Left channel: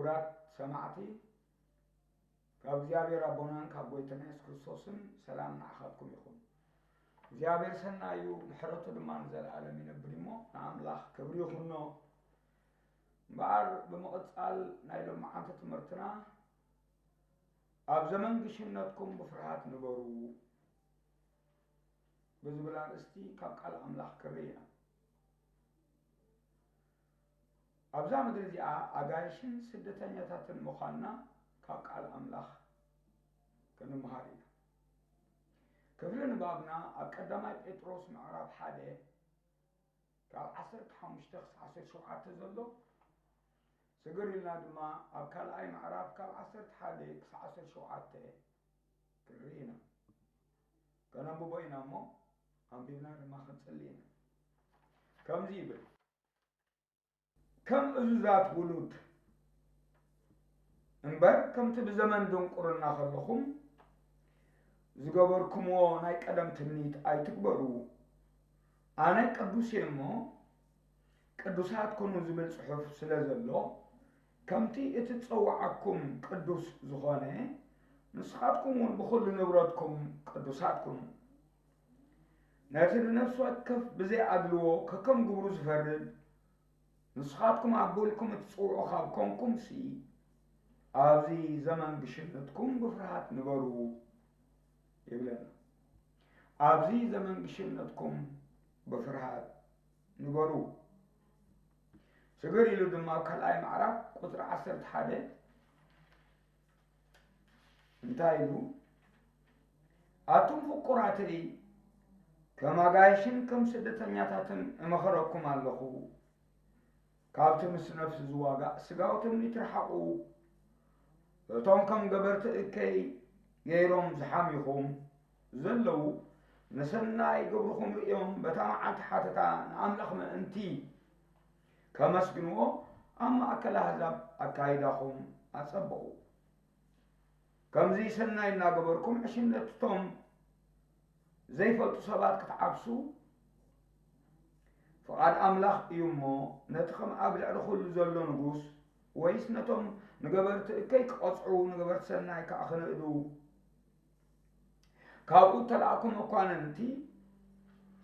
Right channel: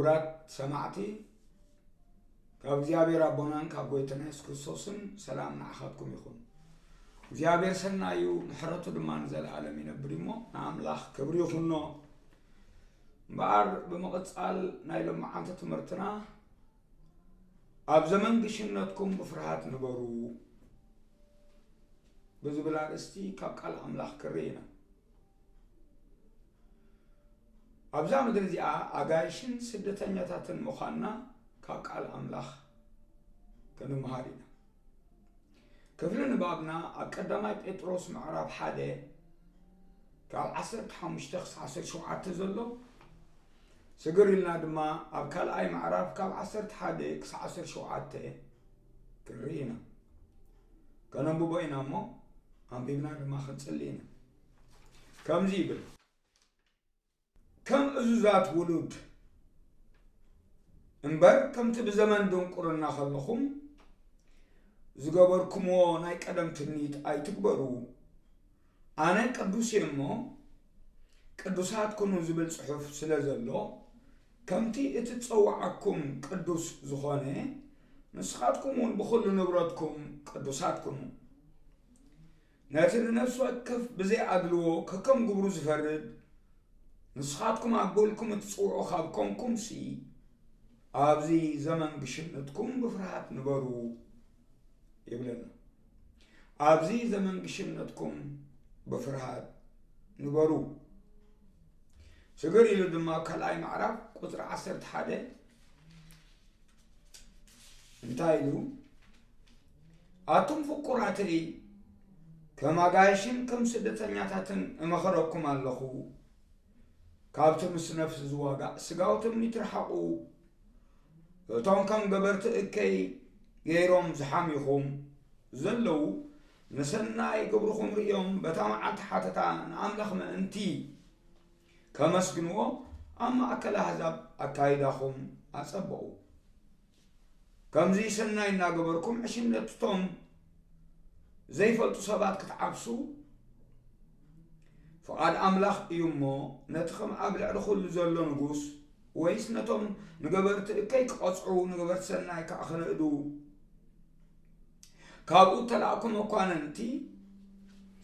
ክብራት ሰማዕቲ ካብ እግዚአብሔር አቦናን ካብ ጎይታና ኢየሱስ ክርስቶስን ሰላም ንዓኻትኩም ይኹን እግዚአብሔር ሰናዩ ምሕረቱ ድማ ንዘለዓለም ይነብር እሞ ንኣምላኽ ክብሪ ይኹኖ እምበኣር ብምቕፃል ናይ ሎማዓንቲ ትምህርትና ኣብ ዘመን ግሽነትኩም ብፍርሃት ንበሩ ብዝብል ኣርእስቲ ካብ ቃል ኣምላኽ ክርኢ ኢና ኣብዛ ምድሪ እዚኣ ኣጋይሽን ስደተኛታትን ምዃንና ካብ ቃል ኣምላኽ ክንምሃር ኢና ክፍሊ ንባብና ኣብ ቀዳማይ ጴጥሮስ ምዕራፍ 1 ካብ 15 ክሳብ 17 ዘሎ ስግር ኢልና ድማ ኣብ ካልኣይ ምዕራፍ ካብ 11 ክሳብ 17 ክርኢ ኢና ከነንብቦ ኢና እሞ ኣንቢብና ድማ ክንፅሊ ኢና ከምዚ ይብል ከም እዙዛት ውሉድ እምበር ከምቲ ብዘመን ድንቁርና ከለኹም ዝገበርኩምዎ ናይ ቀደም ትምኒት ኣይትግበሩ ኣነ ቅዱስ እየ እሞ ቅዱሳት ኩኑ ዝብል ጽሑፍ ስለ ዘሎ ከምቲ እትጸውዓኩም ቅዱስ ዝኾነ ንስኻትኩም እውን ብኩሉ ንብረትኩም ቅዱሳት ኩኑ ነቲ ንነፍሲ ወከፍ ብዘይኣድልዎ ከከም ግብሩ ዝፈርድ ንስኻትኩም ኣቦልኩም እትጽውዑ ካብ ኮንኩምሲ ኣብዚ ዘመን ግሽነትኩም ብፍርሃት ንበሩ ይብለና ኣብዚ ዘመን ግሽነትኩም በፍርሃት ንበሩ ስግር ኢሉ ድማ ካልኣይ ምዕራፍ ቁጥሪ 11 እንታይ ኢሉ ኣቱም ፍቁራተይ ከም ኣጋይሽን ከም ስደተኛታትን እመኸረኩም ኣለኹ ካብቲ ምስ ነፍሲ ዝዋጋእ ስጋዊ ትምኒት ርሓቑ እቶም ከም ገበርቲ እከይ ገይሮም ዝሓሚኹም ዘለዉ ንሰናይ ግብርኹም ርኦም በታ መዓልቲ ሓተታ ንኣምላኽ ምእንቲ ከመስግንዎ ኣብ ማእከል ኣሕዛብ ኣካይዳኹም ኣጸብቑ ከምዚ ሰናይ እናገበርኩም ዕሽነትቶም ዘይፈልጡ ሰባት ክትዓብሱ ፍቓድ ኣምላኽ እዩ እሞ ነቲ ከም ኣብ ልዕሊ ኩሉ ዘሎ ንጉስ ወይስ ነቶም ንገበርቲ እከይ ክቐፅዑ ንገበርቲ ሰናይ ከዓ ክነእዱ ካብኡ ተላእኩም እኳነንቲ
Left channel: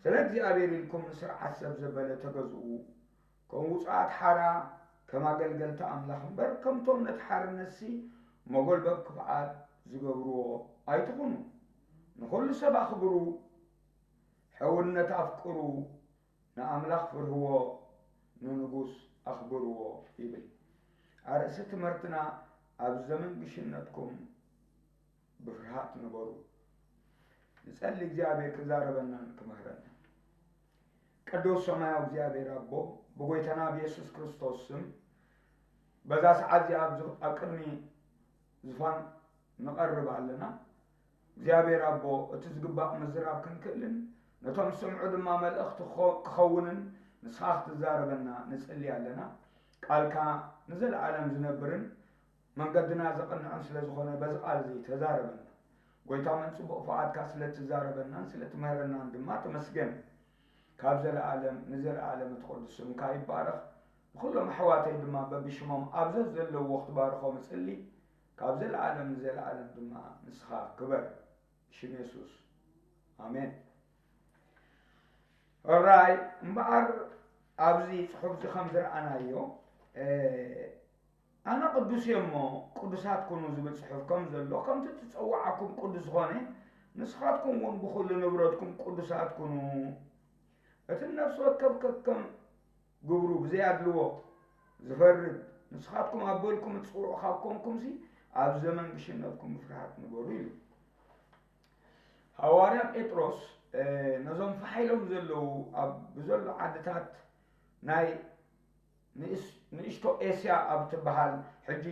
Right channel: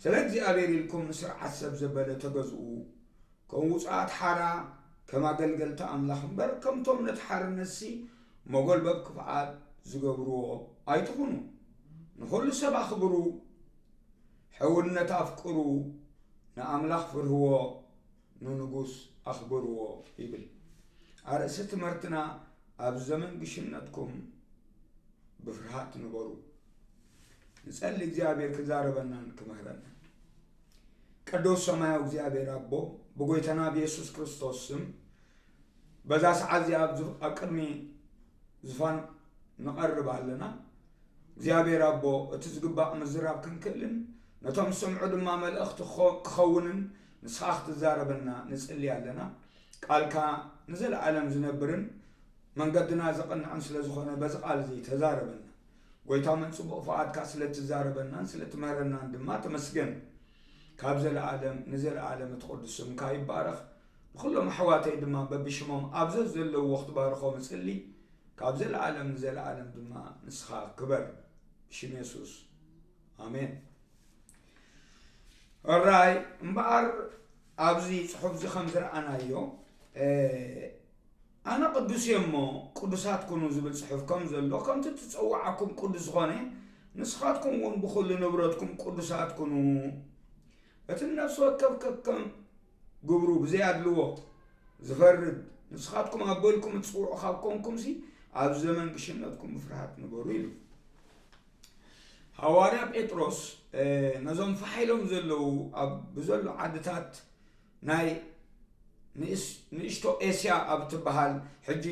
ስለ እግዚኣብሔር ኢልኩም ንስርዓት ሰብ ዘበለ ተገዝኡ ከም ውፃኣት ሓራ ከም ኣገልገልቲ ኣምላኽ እምበር ከምቶም ነቲ ሓርነሲ መጎልበብ ክፍኣት ዝገብርዎ ኣይትኹኑ ንኩሉ ሰብ ኣኽብሩ ሕውነት ኣፍቅሩ ንኣምላኽ ፍርህዎ ንንጉስ ኣኽብርዎ ይብል ኣርእሲ ትምህርትና ኣብ ዘመን ግሽነትኩም ብፍርሃት ንበሩ ንጸሊ እግዚአብሔር ክዛረበናን ክመህረና ቅዱስ ሰማያዊ እግዚአብሔር ኣቦ ብጎይታና ብኢየሱስ ክርስቶስ ስም በዛ ሰዓት እዚኣ ኣብ ቅድሚ ዝፋን ንቐርብ ኣለና እግዚአብሔር ኣቦ እቲ ዝግባእ ምዝራብ ክንክእልን ነቶም ስምዑ ድማ መልእኽቲ ክኸውንን ንስኻ ክትዛረበና ንጽሊ ኣለና ቃልካ ንዘለዓለም ዝነብርን መንገድና ዘቐንዕን ስለ ዝኾነ በዚ ቃል እዚ ተዛረበና ጎይታ መንጽቡቕ ፍቓድካ ስለ ትዛረበናን ስለ ትምህረናን ድማ ተመስገን ካብ ዘለዓለም ንዘለዓለም እትቅዱስ ስምካ ይባረኽ ኩሎም ኣሕዋተይ ድማ በብሽሞም ኣብዚ ዘለዉ ክትባርኾም እጽሊ ካብ ዘለዓለም ንዘለዓለም ድማ ንስኻ ክበር ብሽም ኢየሱስ ኣሜን ኦራይ እምበኣር ኣብዚ ጽሑፍ እዚ ከም ዝረኣናዮ ኣነ ቅዱስ እየ እሞ ቅዱሳት ኩኑ ዝብል ጽሑፍ ከም ዘሎ ከምቲ ትጸውዓኩም ቅዱስ ዝኾነ ንስኻትኩም እውን ብኩሉ ንብረትኩም ቅዱሳት ኩኑ እቲ ነፍሲ ወከፍ ከከም ግብሩ ብዘይኣድልዎ ዝፈርድ ንስኻትኩም ኣቦልኩም እትጽውዑ ካብ ኮንኩምሲ ኣብ ዘመን ግሽነትኩም ብፍርሃት ንበሩ ኢሉ ሐዋርያ ጴጥሮስ ነዞም ፈሓይሎም ዘለዉ ኣብ ብዘሎ ዓድታት ናይ ንእሽቶ ኤስያ ኣብ ትበሃል ሕጂ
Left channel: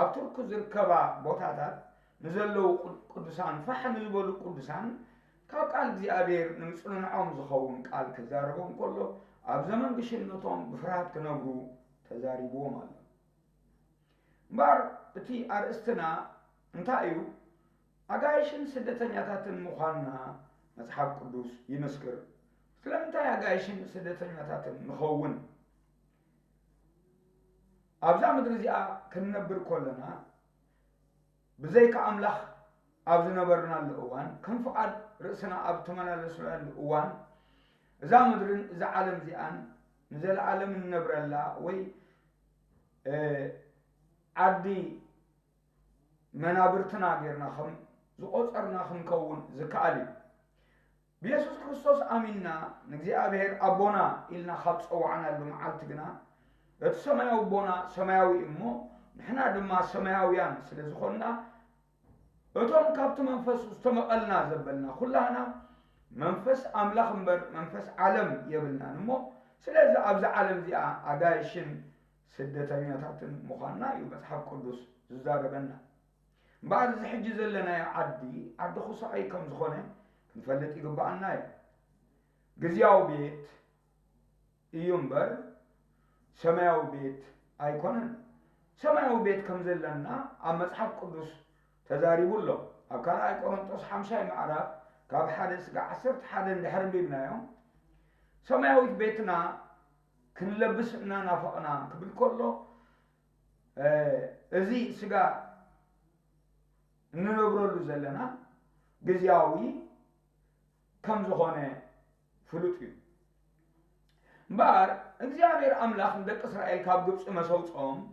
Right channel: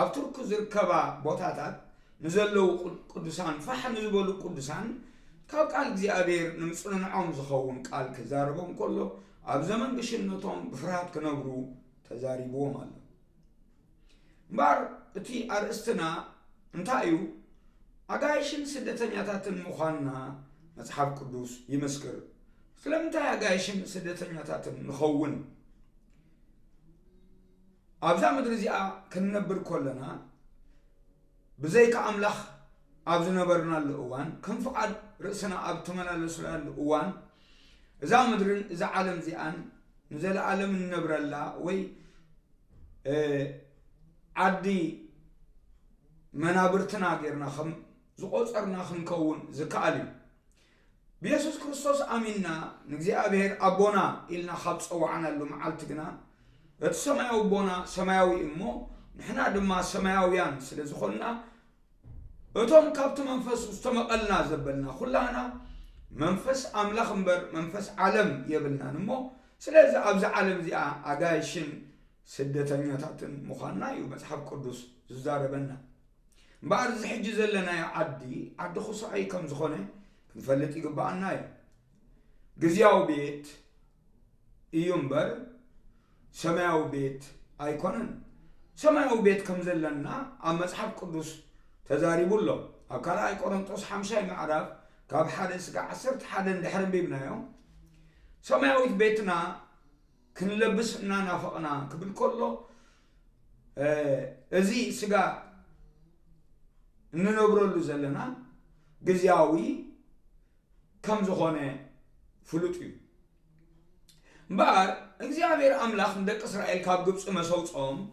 ኣብ ቱርክ ዝርከባ ቦታታት ንዘለዉ ቅዱሳን ፋሕ ንዝበሉ ቅዱሳን ካብ ቃል እግዚኣብሔር ንምጽንዖም ዝኸውን ቃል ክዛረቦም ከሎ ኣብ ዘመን ግሽነቶም ብፍርሃት ክነብሩ ተዛሪብዎም ኣሎ እምበር እቲ ኣርእስትና እንታይ እዩ ኣጋይሽን ስደተኛታትን ምዃንና መጽሓፍ ቅዱስ ይመስክር ስለምንታይ ኣጋይሽን ስደተኛታትን ንኸውን أبزا مدرزيا كننبر كلنا بزيك أملاخ أبزنا برنا الأوان كم فقد رأسنا أبتمنا لسنا الأوان إذا مدرن إذا عالم زيان نزل عالم النبر الله وي عدي منابرتنا غيرنا خم زقصرنا خم كون زكالي بيسوس كريستوس آمنا نجزي أبهر أبونا إلنا خبص أو عنا اللي معلتنا السماوي بونا سماوي إمو نحنا دما سماويان سلزخلنا أتوم كابت منفس استمقلنا زبلنا كلنا منفس أملاخ مبر منفس عالم يبلنا نمو سلازا أبز عالم زي أدايشن سدتنيا تاتن مخانا يمسحب قدوس زاربنا بعد زحج زلنا يعدي عد خصائي كم زخونه نفلت يقبعنا جزياو بيت ينبر سماو بيت أيقونن سماو بيت كم زلنا أما مسحب قدوس تزاريب الله أكل أيقونن توس حمشة معرف كاب حادث كعصرت حدا لحرم بيبنا يوم سماوي بيتنا كنلبسنا نافقنا قبل كله أزي سجا ننبرلو زلنا جزياوي كم زخانة فلوتي بار إخزيابير أملاخ ندك إسرائيل كاب جبس مسوتهم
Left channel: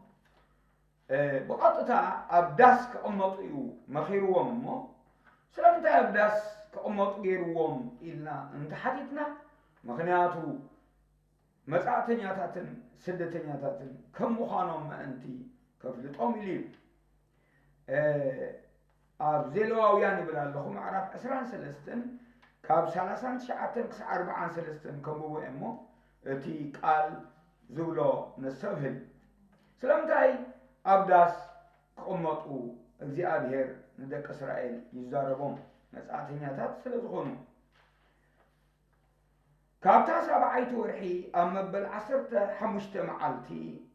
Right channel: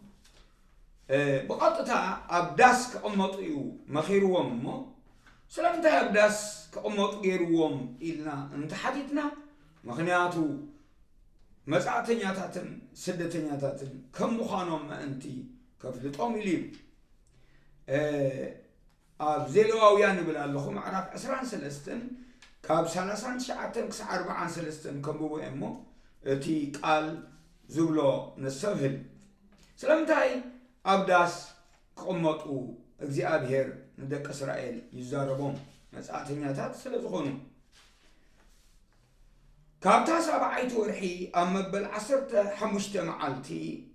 بقطتها أبداس كأمطيو مخيروهم مو سلامتها أبداس كأمط غيروهم إلنا أنت حديثنا مخنياتو مساعتنياتاتن سدتنياتاتن كم مخانهم ما أنتي كفلتهم إليم أب زيلواويان يبلا لهم عرف عسران سلستن كاب سلسان شعاتن كس 4 سلستن كم بو إمو تي قال زبلو نسفهل سلامتاي أبداس كأمطو إخزيابير ندك إسرائيل يزاربهم مساعتنياتات سلزخونو كابتا سبعيت ورحي أما بالعصرت حمشت معالتي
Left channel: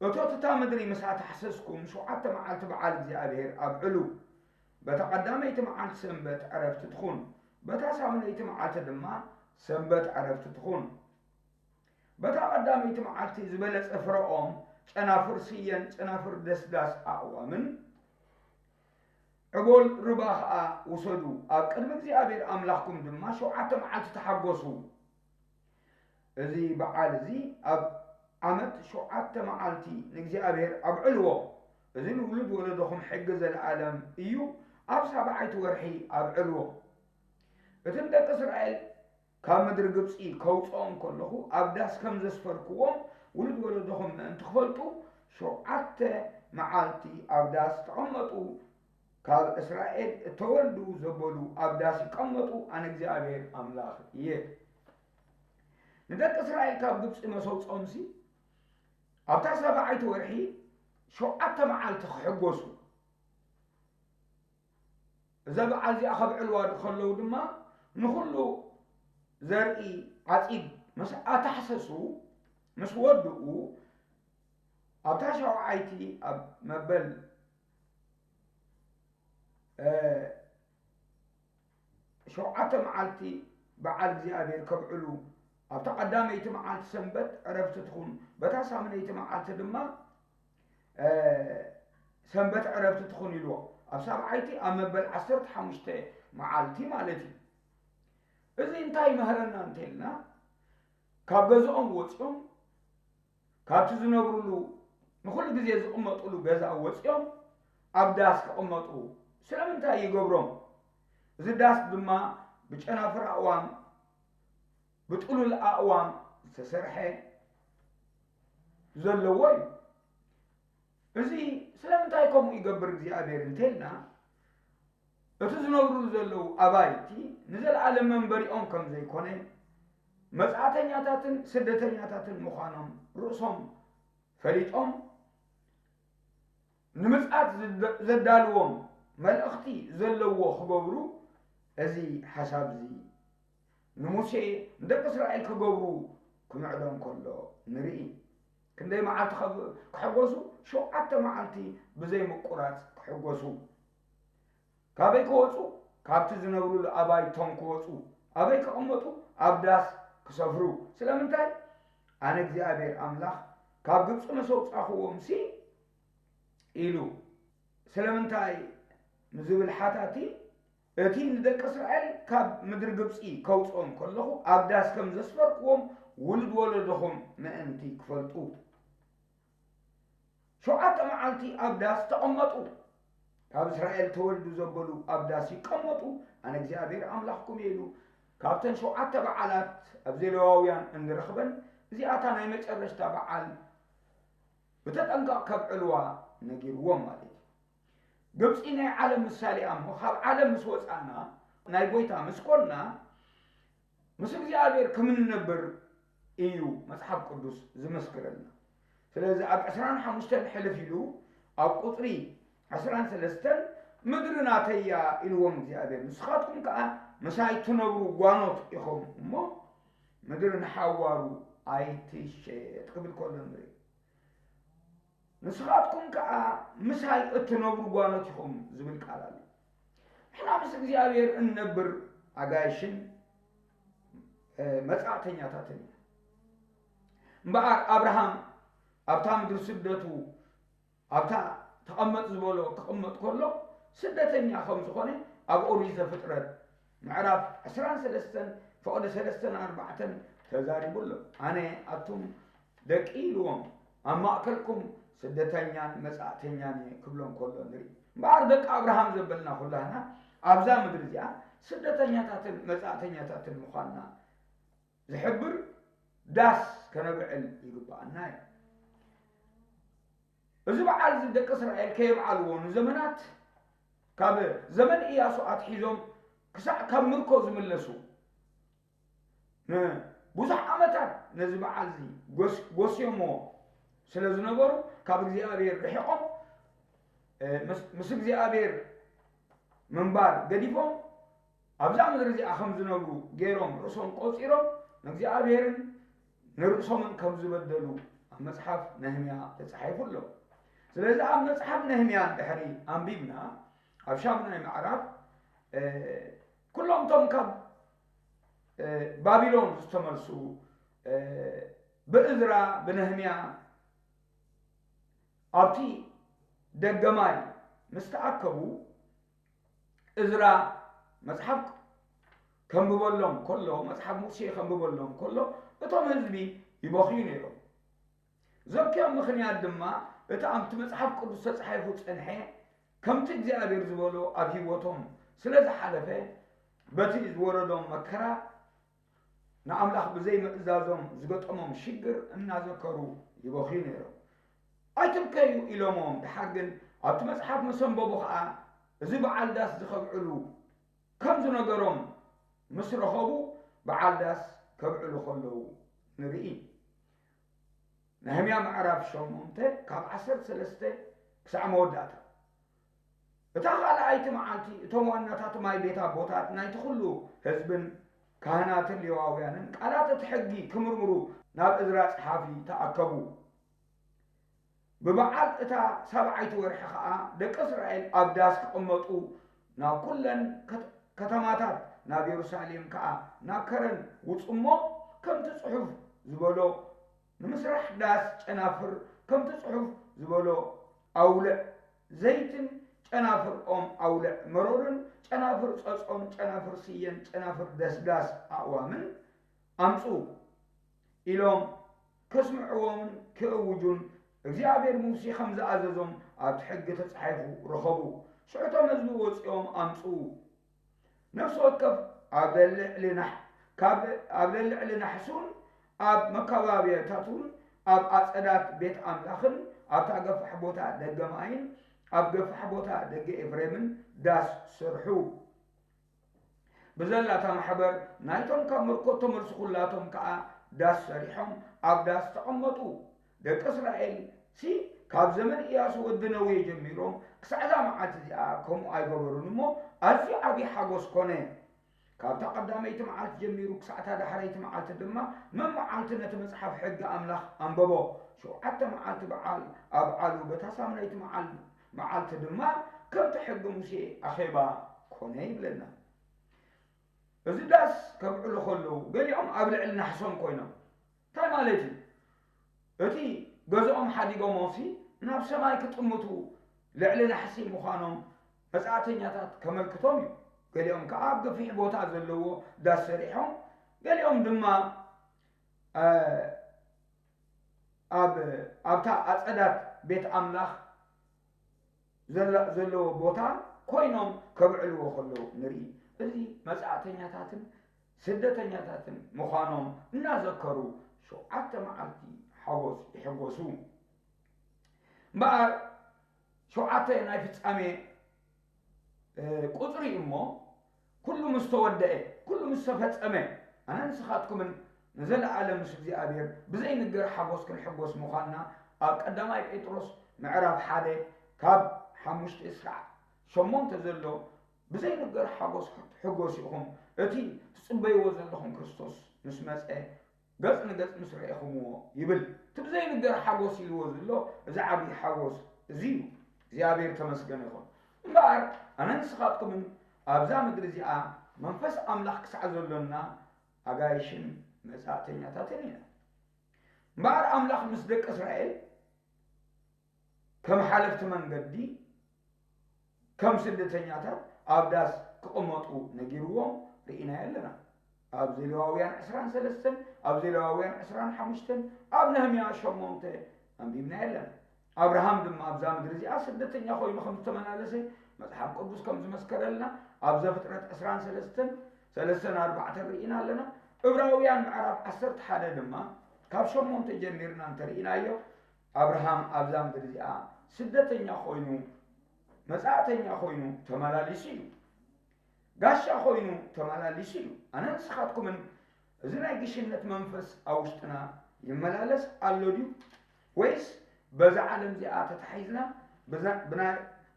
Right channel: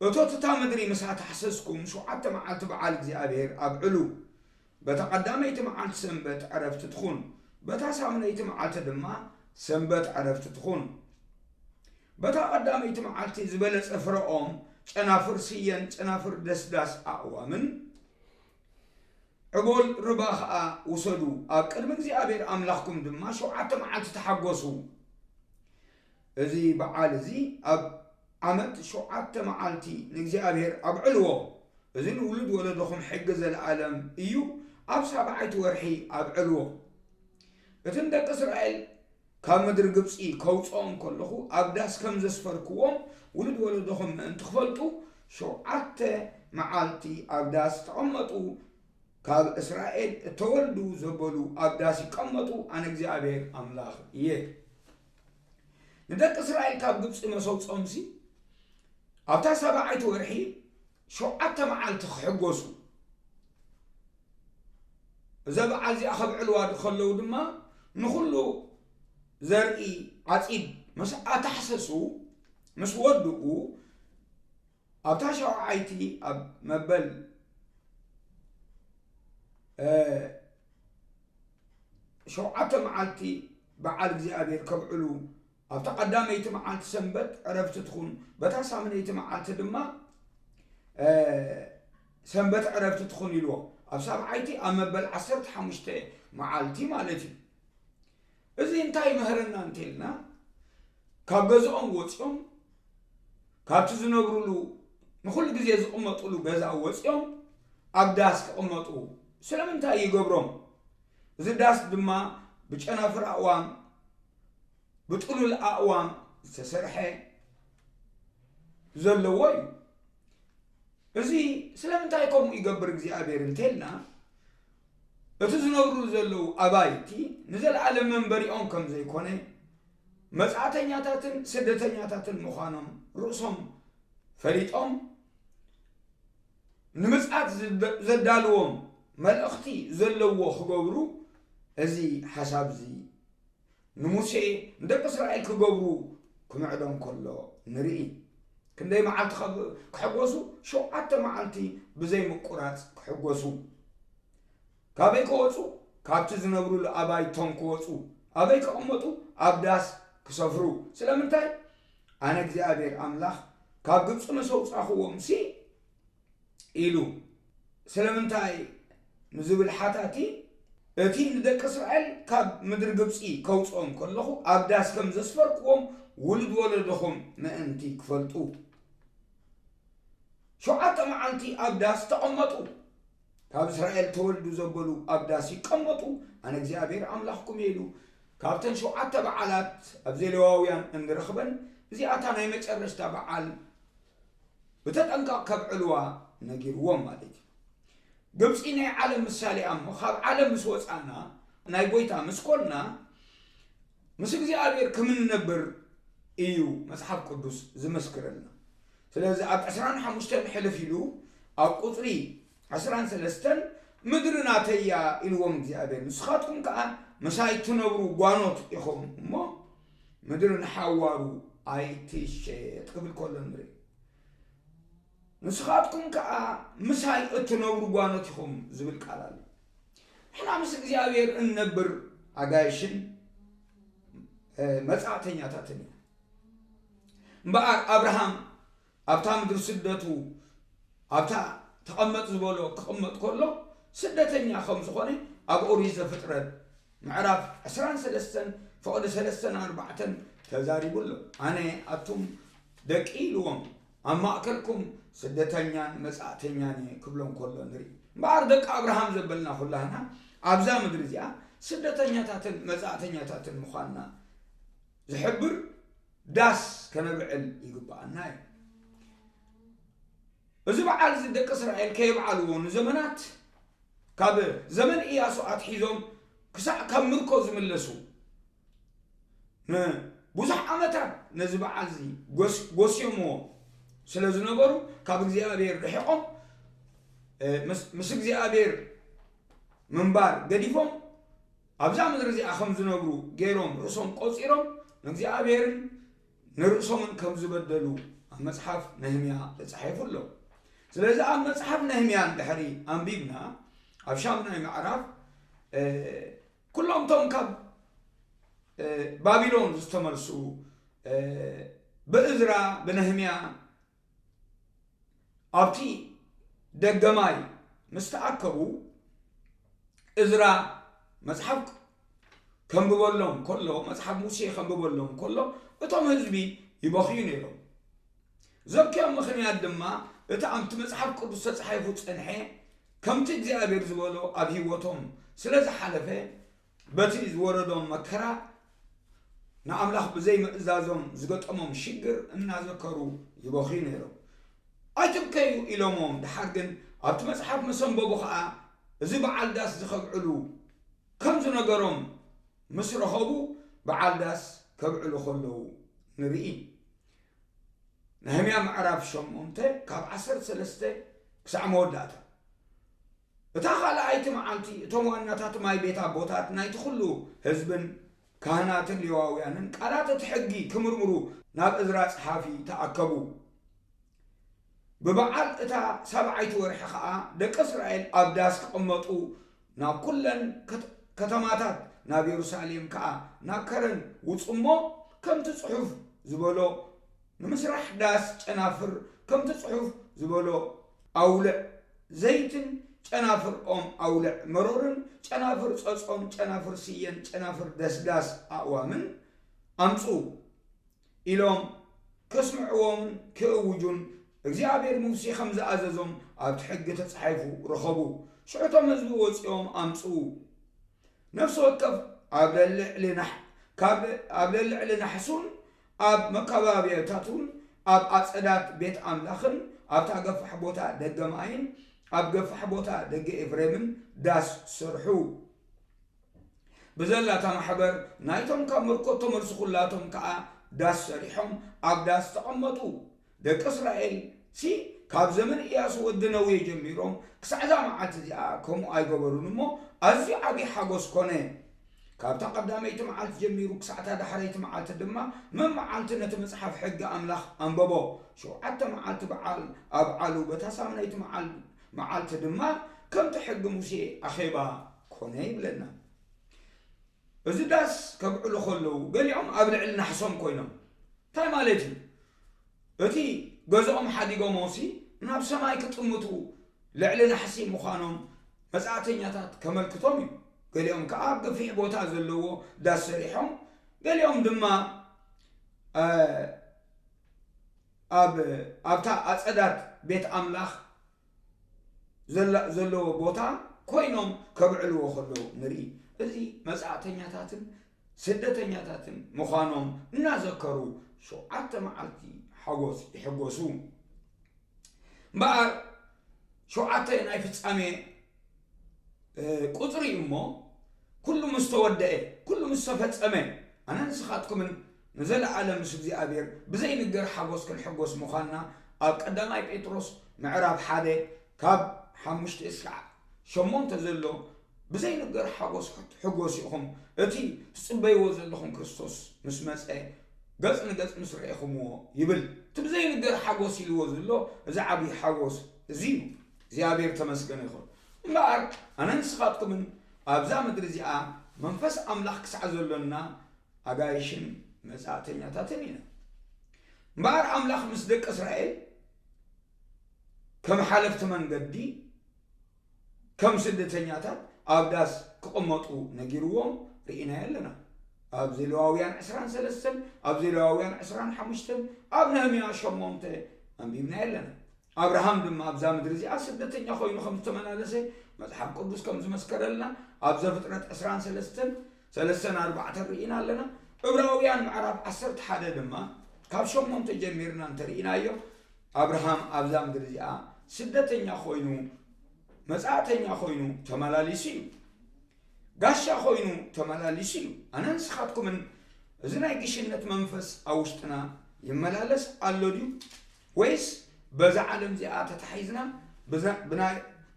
وتوتتا مدري مساعة حسسكم شو عدت معالت بعالك زي أبير أبعلو بتقداميت معالت سنبت عرفت تدخون بتاسامنيت معالت دما سنبت عرفت تدخون بتقداميت معالتي زبلت أفرقهم أنافر سيان أنافر دسداس أعوامن عقول رباخ وصلوا أكلمك زي أبير أملاكم دما شو عدت معالت تحقصوا زي بعال زي أب عملت شو عدت معالتي نجزي أبير أبعلوه إذن ولد ولدهم حجز العالم إيو أب سبعيت ورحي أبعلوه إذن دك إسرائيل كم مدر قبسي كوصهم كله أبداس كم زسفركوهم ولد ولدهم أنت خفلتوا شو عدت معالتي أبداس تعمطوا كاب إسرائيل تولدوا زبلوا أبداس يقمطوا أنا نجزي أبير أملاخ يه ندك إسرائيل كاب قبسي مسوط أمسي أبتا سبعيت ورحي شو عدت معالت حقوسو إذا بعزي أخذ علواد خلو دما نخلو زرقي عطيب مش أتحسسو مش ودقو أبتا شو عايتي أب مبل شو عدت معالتي بعالك زي أبير كب علو أبتا قدامي يتمعالت سنبت عرفت تخون بتاسا من يتمعالت دما سنبت عرفت تخون يلو أبساب عيتي أما بالعصرت حمشتي معالتي مالتي إذا انتاي مهرنا انتلنا كابزعهم وطيهم كابتزنبرلو نخل جزيز أمطلو بزا وطيهم أبداس كأمطلو سلام انتاي يقبرهم إذا داس دما بجأنا فرعوان بتقولوا الأقوام تسرحي زلوي إذا سلام تايكم يقبر زي أبير انتلنا اتزنورو زلو أبايتي نزل على منبري أنكم زي كونه مسعتنياتاتن سدتنياتاتن مخانم رؤسهم فريتهم نمسعت زدالوهم ملأختي زلوه خبرو أزي حساب زي نموسي ندق إسرائيل كجبرو كمعدهم كله نرئي كندي معلت كحجوسو شو عدت معلتي بزي مقرات كحجوسو كابي كوتسو كابت زنبرو لأباي توم كوتسو أباي كأمتو أبداس كسفرو سلامنتاي أنا جزي أبير أملاخ ካብ ግብፅ መሰውፃኽዎም ሲ ኢሉ ስለምንታይ ንዝብል ሓታቲ እቲ ንደቂ እስራኤል ካብ ምድሪ ግብፂ ከውፅኦም ከለኹ ኣብ ዳስ ከም ዘስፈርክዎም ውልድ ወለድኹም ምእንቲ ክፈልጡ 7 መዓልቲ ኣብ ዳስ ተቐመጡ ካብ እስራኤል ተወልዱ ዘበሉ ኣብ ዳስ ይቀመጡ ኣነ እግዚአብሔር ኣምላኽኩም ኢሉ ካብተን 7 በዓላት ኣብ ሌዋውያን እንረኽበን እዚኣታ ናይ መጨረሽታ በዓል በተጠንቀቕ ከብዕልዋ ነጊርዎም ማለት እዩ ግብፂ ናይ ዓለም ምሳሌ እሞ ካብ ዓለም ምስ ወፃና ናይ ጎይታ ምስ ኮና ምስ እግዚአብሔር ከምንነብር እዩ መጽሓፍ ቅዱስ ዝመስክረልና ስለዚህ ኣብ 15 ሕልፍ ኢሉ ኣብ ቁጥሪ 13 ምድሪ ናተያ ኢልዎም እግዚአብሔር ንስኻትኩም ከዓ መሳይ ትነብሩ ጓኖት ኢኹም እሞ ምድሪ ንሓዋሩ ኣይትሸጥ ክብል ከሎ ንርኢ ንስኻትኩም ከዓ መሳይ እትነብሩ ጓኖት ኢኹም ዝብል ቃል ኣሎ ሕና ምስ እግዚአብሔር እንነብር ኣጋይሽን መጻዕተኛታትን እምበኣር ኣብርሃም ኣብታ ምድሪ ስደቱ ኣብታ ተቐመጥ ዝበሎ ክቕመጥ ከሎ ስደተኛ ከም ዝኾነ ኣብ ኦሪት ዘፍጥረት ምዕራፍ 13 فقد 3-4 ተዛሪቡሎ ኣነ ኣቱም ደቂ ኢልዎም ኣብ ማእከልኩም ስደተኛን መጻዕተኛን ክብሎም ከሎ ንርኢ እምበኣር ደቂ ኣብርሃም ዘበልና ኩላህና ኣብዛ ምድሪ እዚኣ ስደተኛታትን መጻዕተኛታትን ምዃንና ዝሕብር ዳስ ከነብዕል ይግባአና እዩ እዚ በዓል እዚ ደቂ እስራኤል ከይበዓልዎ ንዘመናት ካብ ዘመን ኢያሱ ኣትሒዞም ክሳዕ ካብ ምርኮ ዝምለሱ ብዙሕ ዓመታት ነዚ በዓል እዚ ጎስዮምዎ ስለ ዝነበሩ ካብ እግዚአብሔር ርሒቆም ምስ እግዚአብሔር ምንባር ገዲፎም ኣብዛ ምድሪ እዚኣ ከም ዝነብሩ ገይሮም ርእሶም ቆፂሮም ንእግዚአብሔርን ንርእሶምን ከም ዝበደሉ ኣብ መጽሓፍ ነህምያ ተጻሒፉ ኣሎ ስለዚህ ኣብ መጽሐፍ ነህምያ ድሕሪ ኣንቢብና ኣብ ሻምናይ ምዕራፍ ኩሎም ቶም ካብ ባቢሎን ዝተመልሱ ብእዝራ ብነህምያ ኣብቲ ደገማይ ምስተኣከቡ እዝራ መጽሐፍ ከንብበሎም ከሎ መጽሐፍ ሙሴ ከንብበሎም ከሎ እቶም ህዝቢ ይበኽዩ ነይሮም ዘብክዮም ምኽንያት ድማ እቲ ኣብቲ መጽሐፍ ቅዱስ ተጻሒፉ ጽንሐ ከምቲ እግዚአብሔር ዝበሎ ኣብ ህይወቶም ስለ ዝሓለፈ በቲ ዝወረዶም መከራ ንኣምላኽ ብዘይ ምእዛዞም ዝገጠሞም ሽግር እናዘከሩ ይበኽዩ ነይሮም ኣይትብከዩ ኢሎሞም ድሓር ግን ኣብቲ መጽሓፍ መሰንበቡ ከዓ እዚ በዓል ዳስ ዝኸብዕሉ ከም ዝነገሮም ምስ ረኸቡ በዓል ዳስ ከብዕሉ ከለዉ ንርኢ ነህምያ ምዕራፍ 8 ካብ 13 ክሳዕ መወዳእታ እታ ካልኣይቲ መዓልቲ እቶም ዋናታት ማይ ቤት ኣቦታት ናይቲ ኩሉ ህዝብን ካህናትን ሌዋውያንን ቃላት እቲ ሕጊ ክምርምሩ ናብ እዝራ ጸሓፊ ተኣከቡ ብበዓል እታ 7ይቲ ወርሒ ከዓ ደቂ እስራኤል ኣብ ዳስ ክቕመጡ ናብ ኩለን ከተማታት ናብ ኢየሩሳሌም ከዓ ናብ ከረን ውፅሞ ከምቲ ጽሑፍ ዝበሎ ንምስራሕ ዳስ ጨናፍር ከምቲ ጽሑፍ ዝበሎ ኣውልዕ ዘይትን ጨናፍር ኦም ኣውልዕ መሮርን ጨናፍር ጸጾም ጨናፍር ስየን ጨናፍር ደስዳስ ኣእዋምን ኣምፁ ኢሎም ከስምዕዎምን ክእውጁን እግዚአብሔር ሙሴ ከም ዝኣዘዞም ኣብቲ ሕጊ ተጻሒፉ ረኸቡ ሽዑቶም ህዝቢ ወፂኦም ኣምፁ ነፍሲ ወከፍ ኣብ ልዕሊ ናሕሱን ኣብ መከባብያታቱን ኣብ ኣጸዳት ቤት ኣምላኽን ኣብታ ገፋሕ ቦታ ደገ ማይን ኣብ ገፋሕ ቦታ ደገ ኤፍሬምን ዳስ ስርሑ ብዘላታ ማሕበር ናይቶም ካብ ምርኮ ተመልሱ ኩላቶም ከዓ ዳስ ሰሪሖም ኣብ ዳስ ተቐመጡ ደቂ እስራኤል ሲ ካብ ዘመን ኢያሱ ወዲ ነዌ ጀሚሮም ክሳዕዛ መዓልቲ እዚኣ ከምኡ ኣይገበሩን እሞ ኣዝዩ ዓብዪ ሓጎስ ኮነ ካብታ ቀዳመይቲ መዓልቲ ጀሚሩ ክሳዕታ ዳሕረይቲ መዓልቲ ድማ መመዓልቲ ነቲ መጽሓፍ ሕጊ ኣምላኽ ኣንበቦ 7 መዓልቲ በዓል ኣብዓሉ በታ ሳምናይቲ መዓልቲ ድማ ከምቲ ሕጊ ሙሴ ኣኼባ ኮነ ይብለና እዚ ዳስ ከብዕሉ ከለዉ ገሊኦም ኣብ ልዕሊ ናሕሶም ኮይኖም እንታይ ማለት እዩ እቲ ገዝኦም ሓዲጎም ወሲ ናብ ሰማይ ክጥምቱ ልዕሊ ናሕሲ ምዃኖም መጻእተኛታት ከመልክቶም እዩ ገሊኦም ከዓ ኣብ ገፊሕ ቦታ ዘለዎ ዳስ ሰሪሖም ገሊኦም ድማ ኣብታ ኣጸዳት ቤት ኣምላኽ ዘለዎ ቦታ ኮይኖም ከብዕልዎ ከለዉ ንርኢ እዚ መጻእተኛታትን ስደተኛታትን ምዃኖም እናዘከሩ 7 መዓልቲ ሓጎስ ይሕጎሱ እምበኣር 7 ናይ ፍጻሜ ቁፅሪ እሞ ኩሉ ምስ ተወድአ ኩሉ ምስ ተፈጸመ ኣነ ንስኻትኩምን ንዘለዓለም ምስ እግዚኣብሔር ብዘይንገር ሓጎስ ክንሕጎስ ምዃንና ኣብ ቀዳማይ ጴጥሮስ ምዕራፍ 1 ካብ 5 እስካዕ 8 ዘሎ ብዘይንገር ሓጎስ ሕጎስ ኢኹም እቲ ትጽበይዎ ዘለኹም ክርስቶስ ምስ መጽአ ገጽ ንገጽ ምስ ረኢኹምዎ ይብል እቲ ብዘይንገር ሓጎስ ኢልዎ ዘሎ እዚ ዓብዪ ሓጎስ እዚ እዩ እግዚኣብሔር ተመስገን ይኹን እምበኣር ኣነ ንስኻትኩምን ኣብዛ ምድሪ እዚኣ መንፈስ ኣምላኽ ክሳዕ ዘሎና ኣጋይሽን መጻእተኛታትን ኢና እምበኣር ኣምላኽ ምስ ደቂ እስራኤል ከም ሓለፍቲ መንገዲ ከም ስደተኛታት ኣብ ዳስ ክቕመጡ ነጊርዎም ርኢና ኣለና ኣብ ዘሌዋውያን 23 ኣብ ዘሌዋውያን 25 ኣብ ነህምያ 8 ኣንቢብና ኣለና ኣብርሃም ድማ ኣብዛ ምድሪ እዚኣ ስደተኛ ኮይኑ ከም ዝተመላለሰ መጽሓፍ ቅዱስ ከም ዝመስከረልና ኣብ ዘፍጥረት 23:3-4 ርኢና ኣለና ዕብራውያን ምዕራፍ 11 ድማ ካብ 8 ጀሚርና እንተርኢናዮ ኣብርሃም ኣብዛ ምድሪ እዚኣ ስደተኛ ኮይኑ መጻእተኛ ኮይኑ ተመላሊሱ እዩ ጋሻ ኮይኑ ተመላሊሱ እዩ ኣነ ንስኻትኩምን እዚ ናይ ግሽነት መንፈስ ኣብ ውሽጥና ይመላለስ ኣሎ ድዩ ወይስ በዛ ዓለም እዚኣ ተታሒዝና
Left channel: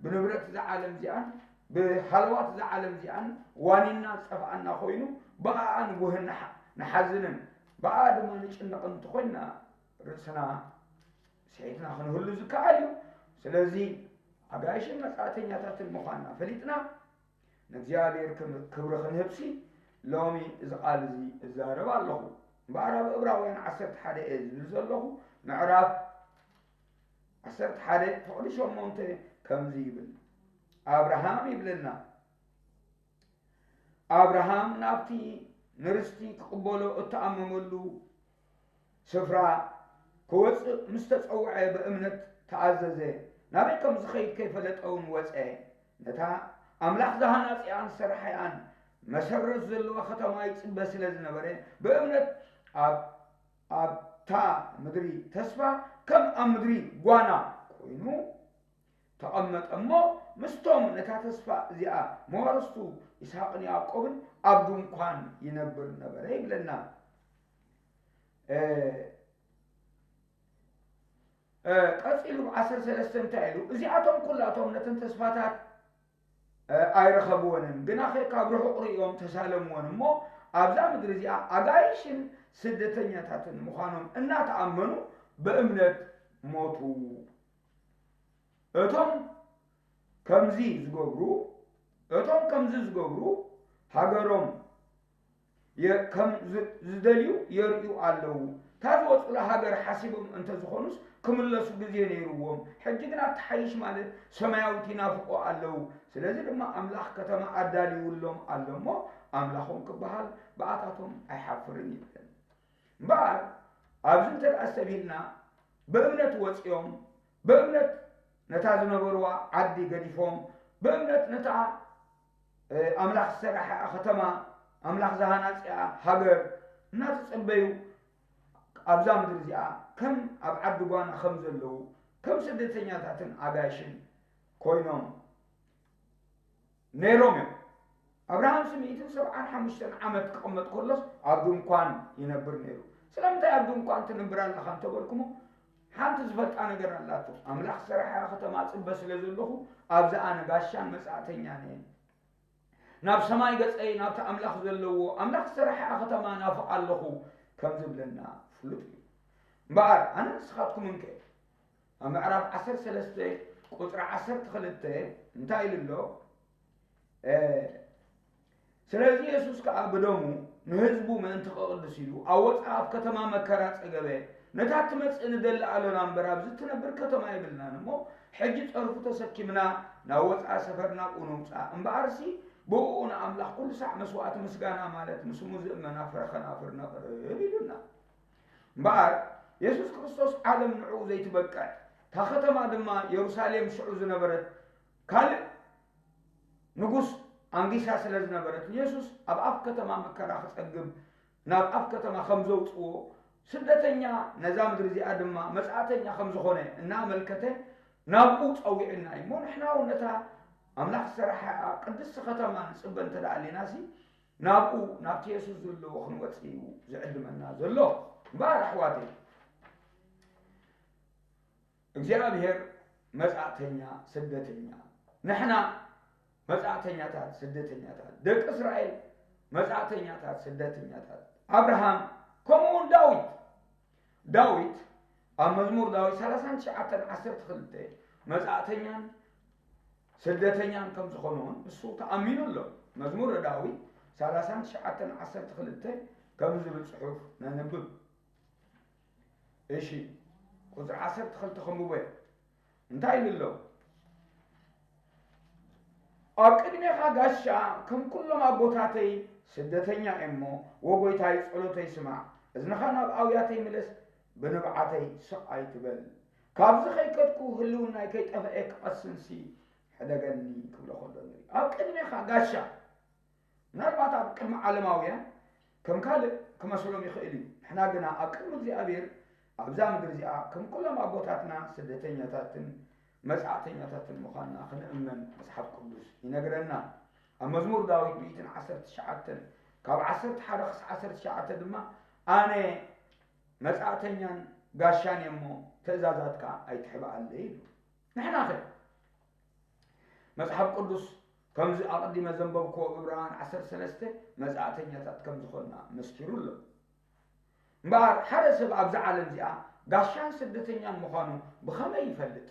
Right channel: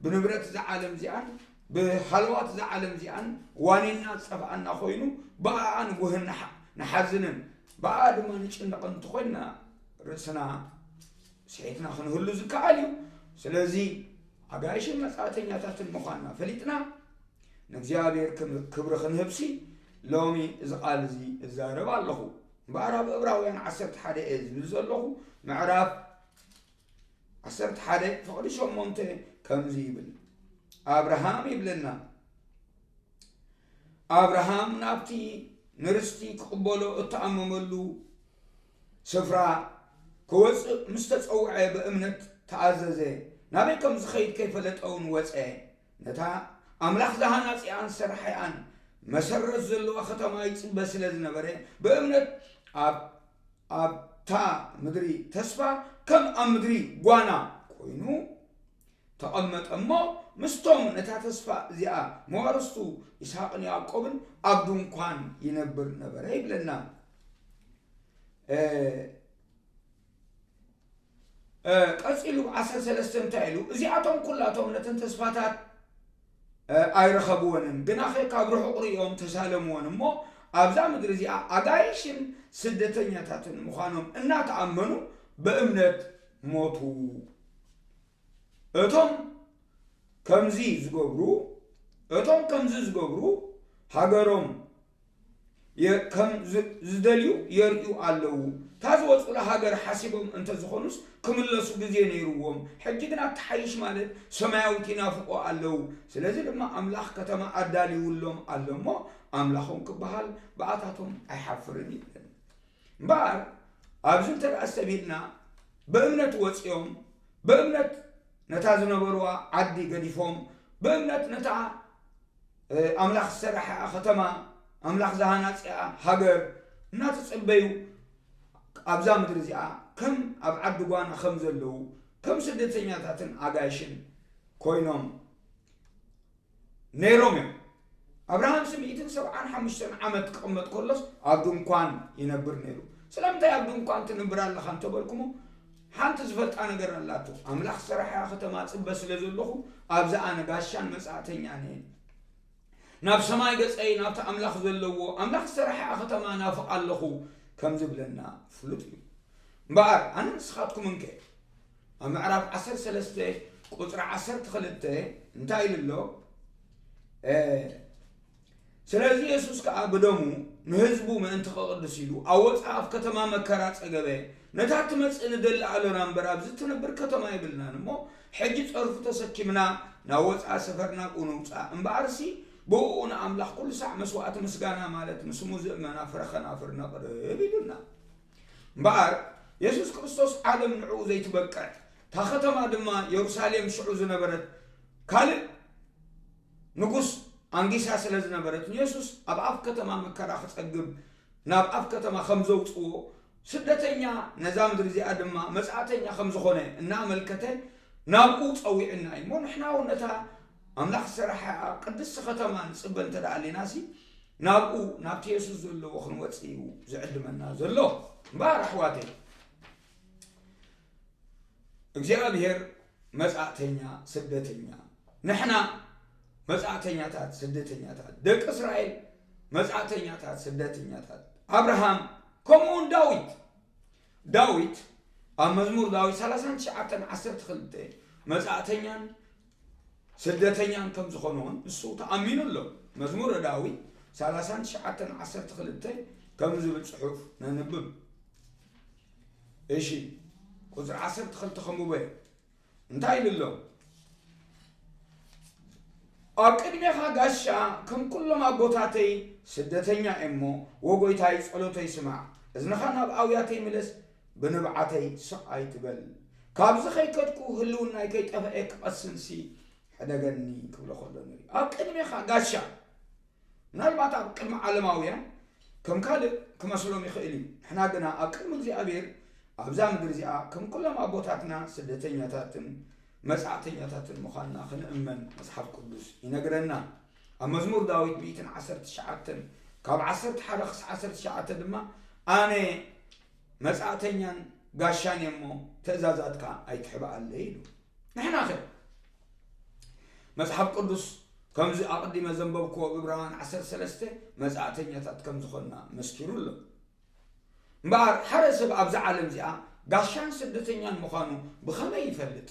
ብንብረት እዚ ዓለም እዚኣን ብሃልዋት እዚ ዓለም እዚኣን ዋኒና ፀፋኣና ኮይኑ በኣ ንጉህን ንሓዝንን በኣ ድማ ንጭንቕ እንተኮይና ርእስና ስሒትና ክንህሉ ዝከኣል እዩ ስለዚ ኣጋይሽን መጻእተኛታትን ምዃንና ፈሊጥና ንእግዚኣብሔር ክብሪ ክንህብሲ ሎሚ እዚ ቃል እዚ እዛረብ ኣለኹ እምበኣር ኣብ ዕብራውያን 11 ዝብል ዘለኹ ምዕራፍ 11 ፍቕዲ 8 ከምዚ ይብል ኣብርሃም ይብለና ኣብርሃም ናብቲ ንርስቲ ክቕበሎ እተኣመመሉ ስፍራ ክወፅእ ምስ ተፀውዐ ብእምነት ተኣዘዘ ናበይ ከም ዝኸይድ ከይፈለጠውን ወፀ ነታ ኣምላኽ ዝሃናፂኣን ዝሰርሐያን መሰረት ዘለዋ ከተማ ይፅበ ስለ ዝነበረ ብእምነት ኣብታ ምድሪ ተስፋ ከም ኣብ ምድሪ ጓና ኮይኑ ተቐመጠ እሞ ምስቶም ነታ ተስፋ እዚኣ መዋርስቱ ይስሐቅን ያዕቆብን ኣብ ድንኳን ይነብር ነበረ ይብለና ቀፂሉ 13 እንታይ ኢሉ እዚኣቶም ኩላቶም ነተን ተስፋታት ኣይረኸብዎንን ግና ካብ ርሑቕ ሪኦም ተሳለምዎን እሞ ኣብዛ ምድሪ እዚኣ ኣጋይሽን ስደተኛታትን ምዃኖም እናተኣመኑ በእምነት ሞቱ እቶም ከምዚ ዝገብሩ ሃገሮም ከም ዝደልዩ የርእዩ ኣለዉ ታዝወፁ ሃገር ሓሲቦም እንተዝኾኑስ ክምለሱ ግዜ ነይሩዎም ሕጂ ግን ኣተሓይሽ ማለት ሰማያዊት ይናፍቆ ኣለዉ ስለዚ ድማ ኣምላኽ ከተማ ኣዳልይውሎም ኣሎ እሞ ኣምላኾም ክበሃል በኣታቶም ኣይሓፍርን ይብለን እምበኣር ኣብዚ እንተደኣ ሰቢልና በእምነት ወፂኦም በእምነት ነታ ዝነበርዋ ዓዲ ገዲፎም በእምነት ነታ ኣምላኽ ዝሰርሐ ከተማ ኣምላኽ ዝሃናፅያ ሃገር እናተፀበዩ ኣብዛ ምድሪ እዚኣ ከም ኣብ ዓዲ ጓና ከም ዘለዉ ከም ስደተኛታትን ኣጋይሽን ኮይኖም ነይሮም እዮም ኣብርሃም 175 ዓመት ክቕመጥ ከሎስ ኣብ ድንኳን ይነብር ነይሩ ስለምንታይ ኣብ ድንኳን ትነብር ኣለኻ እንተበልኩሞ ሓንቲ ዝፈልጣ ነገር ኣላቶ ኣምላኽ ዝሰርሐ ከተማ ፅበ ስለ ዘለኹ ኣብዛ ኣነ ጋሻን መጻእተኛን እየ ናብ ሰማይ ገፀይ ናብቲ ኣምላኽ ዘለዎ ኣምላኽ ዝሰርሐ ከተማ ናፍቕ ኣለኹ ከም ዝብለና ፍሉጥ እዩ እምበኣር ኣነ ንስኻትኩምን ከ ኣብ ምዕራፍ 13 ቁፅሪ 12 እንታይ ኢሉ ኣሎ ስለዚ የሱስ ከዓ ብደሙ ንህዝቡ ምእንቲ ክቅድስ ኢሉ ኣብ ወፃእ ኣብ ከተማ መከራ ፀገበ نتات مسئن دل علونا مبراب زتنا بركتما يبلنا نمو حجي تعرفو تسكمنا ناوت سفرنا ونوصا امبارسي بونا املاح كل ساعة مسوات مسقانا مالت مسمو زئمنا فرخنا فرنا قريبنا مبار يسوس كريستوس عالم نعو زي تبقى تاختما دما يروساليم شعو زنبرت كالي نقص أنجيسها سلز نبرت يسوس أبعف كتما مكرا خصقب ناب أف كتما خمزو تقو سدتنيا نظام درزي أدما مسعتنيا خمزو خونه نعمل كته نابقو تقويعنا مو نحنا ونتا أملاح الصراحة قدس ختما نصبن تدعالي ناسي نابقو نابتي يسوس زلو وخنواتيو زعد منا زلو مبارح واتي እግዚአብሔር መጻተኛ ስደተኛ نحنا መጻተኛ ታት ስደተኛ ታት ደቅ እስራኤል መጻተኛ ታት ስደተኛ ታት አብርሃም ከመውን ዳዊት መዝሙር ዳዊት 39:12 መጻተኛን ስደተኛን ከም ዝኾኑን እሱ ተአሚኑሎ መዝሙር ዳዊት 39:12 ከም ዝብል ጽሑፍ ነንብብ እሺ ቁጥር 12 ተኸምበ እንታይ ይብሎ አቅድሜኻ ጋሻ ከም ኩሎም አቦታተይ ስደተኛ እሞ ወጎይታይ ጸሎተይ ስማዕ እዝንኻ ናብ አውያተይ ምለስ ብንብዓተይ ስቃይ ትበል ካብዚ ኸይከድኩ ህልውናይ ከይጠፍአ ክቐስንሲ ሕደገኒ ክብሎ ከሎ ንሪ አቅድሜኻ ጋሻ ምናልባት ኣብ ቅድሚ ዓለማውያን ከም ካልእ ክመስሎም ይኽእል እዩ ንሕና ግና ኣብ ቅድሚ እግዚኣብሔር ኣብዛ ምድሪ እዚኣ ከም ኩሎም ኣቦታትና ስደተኛታትን መጻተኛታትን ምዃንና ክንእመን መጽሓፍ ቅዱስ ይነግረና ኣብ መዝሙር ዳዊት 119 ካብ 11 ክሳብ 19 ድማ ኣነ መጻተኛን ጋሻን እሞ ትእዛዛትካ ኣይትሕብኣለይ ኢሉ ንሕና ኸ መጽሓፍ ቅዱስ ከምዚ ኣቐዲመ ዘንበብክዎ ዕብራውያን 13 መጻተኛታት ከም ዝኾንና መስኪሩሎ እምበር ሓደ ሰብ ኣብዚ ዓለም እዚኣ ጋሻን ስደተኛን ምዃኑ ብኸመይ ይፈልጥ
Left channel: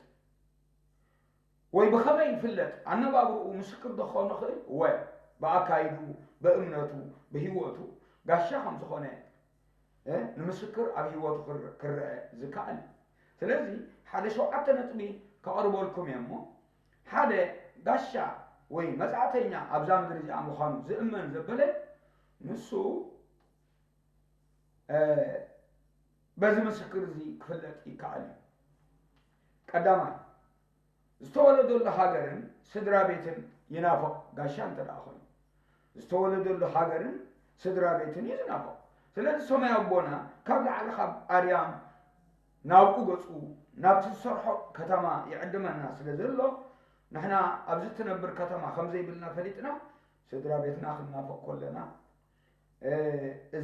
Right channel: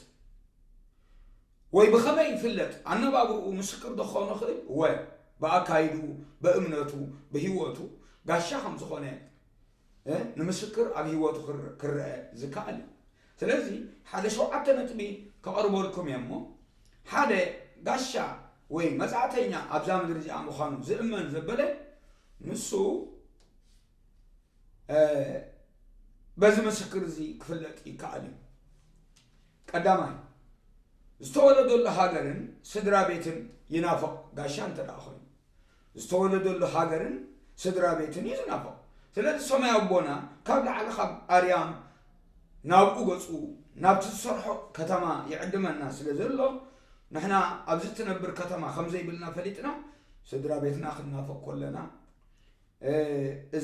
ወይ بخمي يفلت أنا بابرو مسكر دخانه خير و بأكايدو بأمنته بهيوته قاشا هم زخانه نمسكر على هيوته كر زكالي سلازي هذا شو عتنا تبي كأربولكم يمو هذا قاشا وي مزعتينا أبزام درجة عمخانو زئمن زبلة نسو بس مسكر زي كفلت يكالي قدامي استولدوا لهاجرن سدرا بيتن ينافق قاشان تراخون استولدوا لهاجرن سدرا بيتن ينافق سلاد سمع أبونا قبل على خب أريام نابو قصو نابتصرح كتما يعدم الناس لذلو نحنا أبزتنا بركتما خمزي بلنا فليتنا سدرا بيتنا أخذ نافق كلنا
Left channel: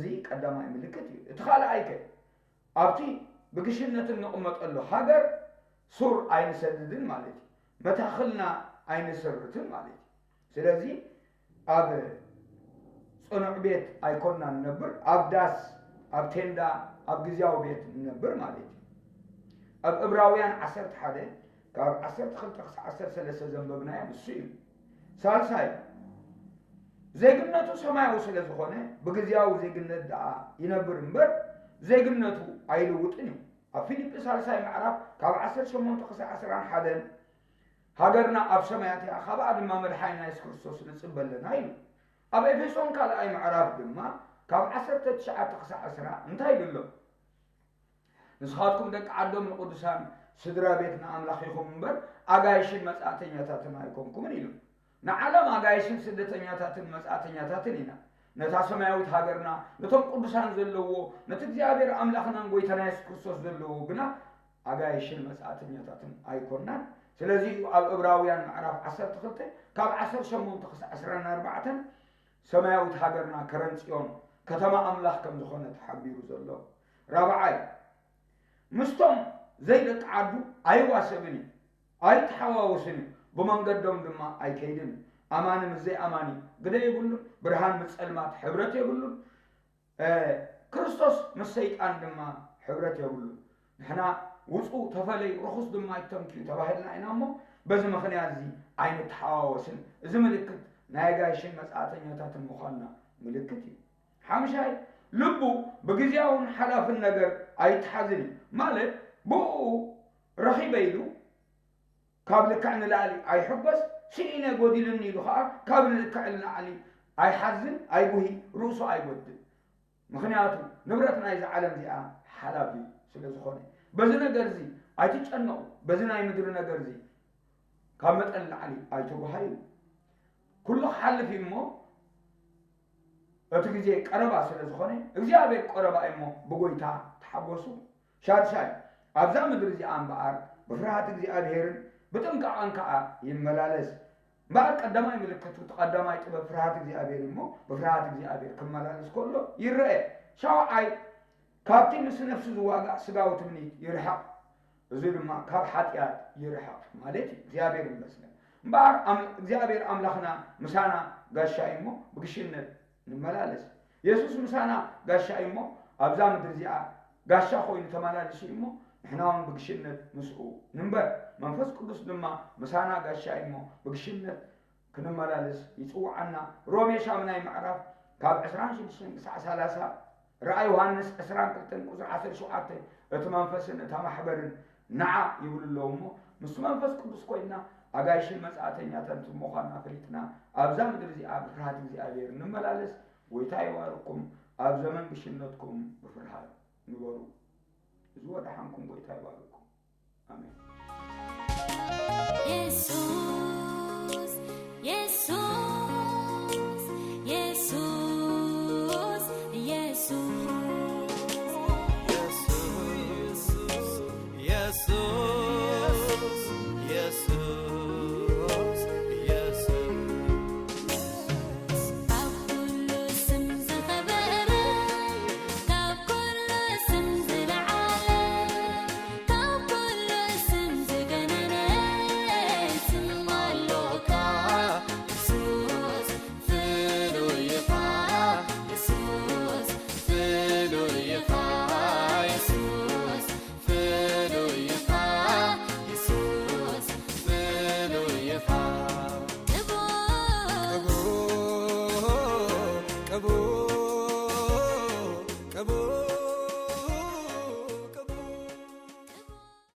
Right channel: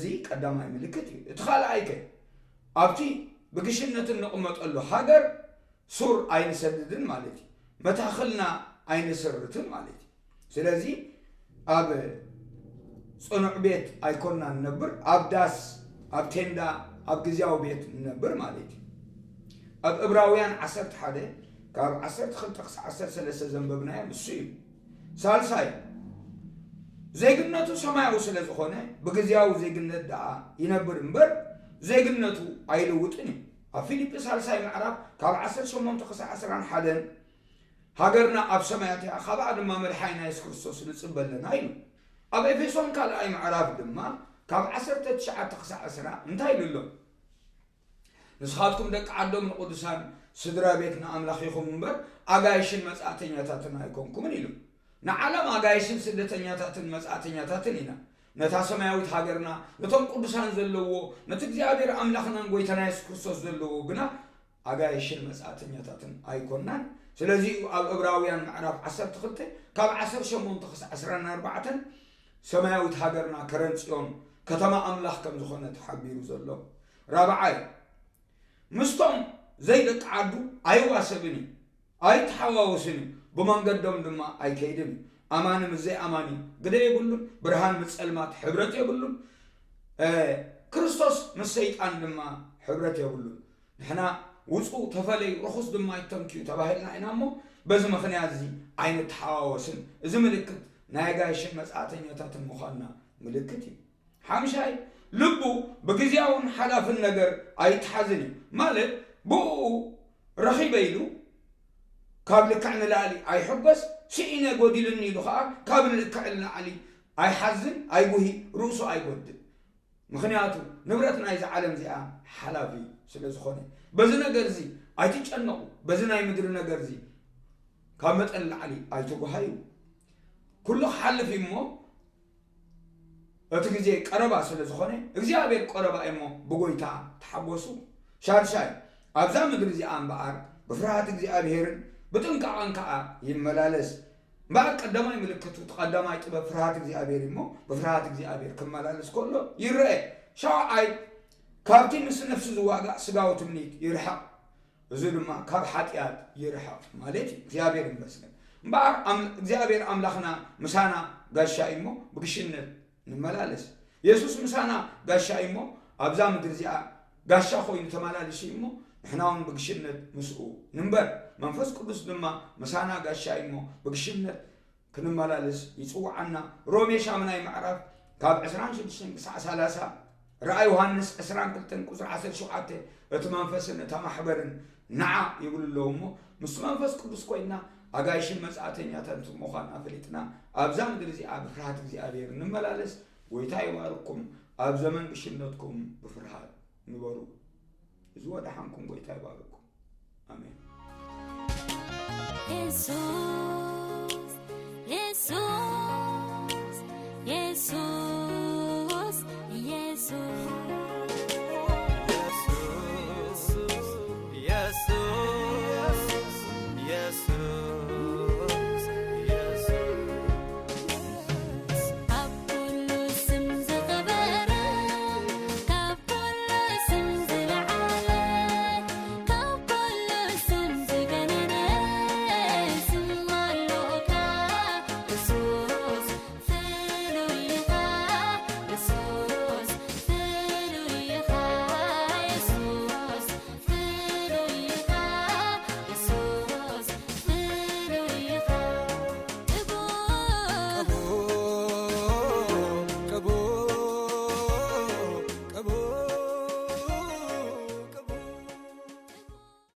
زي قدامي ملكتي اتخال عيكي أبتي بقشنة النقمة تقول له هاجر سور عين سددن مالتي متاخلنا عين سرتن مالتي سلازي أب صنع بيت أيكوننا نبر أب داس أب تندا أب جزياو بيت نبر مالتي أب إبراويان 11 كاب 10 زنببنا مسيل سالساي زيجنتو سماعو سلازخونه بجزياو زيجنت دا ينبر مبر زيجنتو عيلوتني أفيليب سالساي معرف كاب 18 هاجرنا أب سماعتي أخاب عد ما ملحينا يسكرسوس نصبل لنا يلو أب إفسون كلا أي معرف دما كاب 19 انتهي لله نسخاتكم دك عدم القدسان سدرا بيتنا أملاخيكم منبر أجايشن مسأتين يتاتنا يكونكم يلو نعلم أجايشن سدتين يتاتن مسأتين يتاتنينا نتاسماوي هاجرنا نتوم قدسان زلوا نتجابير أملاخنا نقويتنا يسكرسوس زلوا بنا أجايشن مسأتين يتاتن أيكوننا سلازي الإبراويان معرف 10 كاب 10 سماوي هاجرنا كرنسيون كتما أملاخ كم زخنة حبيرو زلوا رابعاي مستم زيدك عدو أيوا سبني أي تحواوسني بمان قدم دما أي كيدني أماني مزي أماني قدر يقولون برهان متسلمات حبرت يقولون كريستوس مسيت أن دما حبرت يقولون نحنا وصو تفلي رخص دما يتمكيو تباهلنا إنامو بزم خنيازي عين تحواوسن إذا ملكت نايقايشن مسعاتين يتاتن مخالنا ملكتي حامشاي ልቡ በጊዜያውን ሓላፍን ነገር ኣይትሓዝን እዩ ማለት ብኡ ረኺበ ኢሉ ካብ ልክዕ ንላዕሊ ኣይሕጎስ ስኢነ ጎዲልኒ ኢሉ ከዓ ካብ ልክዕ ንላዕሊ ኣይሓዝን ኣይጉሂ ርእሱ ኣይጎድል ምክንያቱ ንብረት ናይዚ ዓለም እዚኣ ሓላፊ ስለ ዝኾነ በዚ ነገር እዚ ኣይትጨነቁ በዚ ናይ ምድሪ ነገር እዚ ካብ መጠን ላዕሊ ኣይትጓሃዩ ኩሉ ክሓልፍ እሞ እቲ ግዜ ቀረባ ስለ ዝኾነ እግዚኣብሔር ቀረባ እሞ ብጎይታ ተሓጎሱ ሻርሻይ ኣብዛ ምድሪ እዚኣ እምበኣር ብፍርሃት እግዚኣብሔርን ብጥንቃቐን ከዓ ይመላለስ እምበኣር ቀዳማይ ምልክቱ ተቐዳማይ ጥበብ ፍርሃት እግዚኣብሔር እሞ ብፍርሃት እግዚኣብሔር ክመላለስ ከሎ ይርአ ሻውዓይ ካብቲ ምስ ነፍሲ ዝዋጋእ ስጋዊ ትምኒት ይርሓቕ እዚ ድማ ካብ ሓጢኣት ይርሓቕ ማለት እዩ እግዚኣብሔር ይመስገን እምበኣር እግዚኣብሔር ኣምላኽና ምሳና ጋሻ እሞ ብግሽነት ንመላለስ ኢየሱስ ምሳና ጋሻ እሞ ኣብዛ ምድሪ እዚኣ ጋሻ ኮይኑ ተመላለስ እሞ ንሕና እውን ብግሽነት ምስኡ ንንበር መንፈስ ቅዱስ ድማ ምሳና ጋሻ እሞ ብግሽነት ክንመላለስ ይፅውዓና ሮሜ ሻምናይ ምዕራፍ ካብ 26 ክሳዕ 30 رأي يوحنس 22 ቁጥር 17 እቲ መንፈስን እታ ማሕበርን ንዓ ይብሉ ኣለዎ ምስ መንፈስ ቅዱስ ኮይና ኣጋይሽን መጻተኛታት ምዃንና ፈሊጥና ኣብዛ ምድሪ እዚኣ ብፍርሃት እግዚኣብሔር ንመላለስ ጎይታ ይባርኩም ኣብ ዘመን ግሽነትኩም ብፍርሃት ንበሩ እዚ ወዳሓንኩም ጎይታ ይባርኩም ኣሜን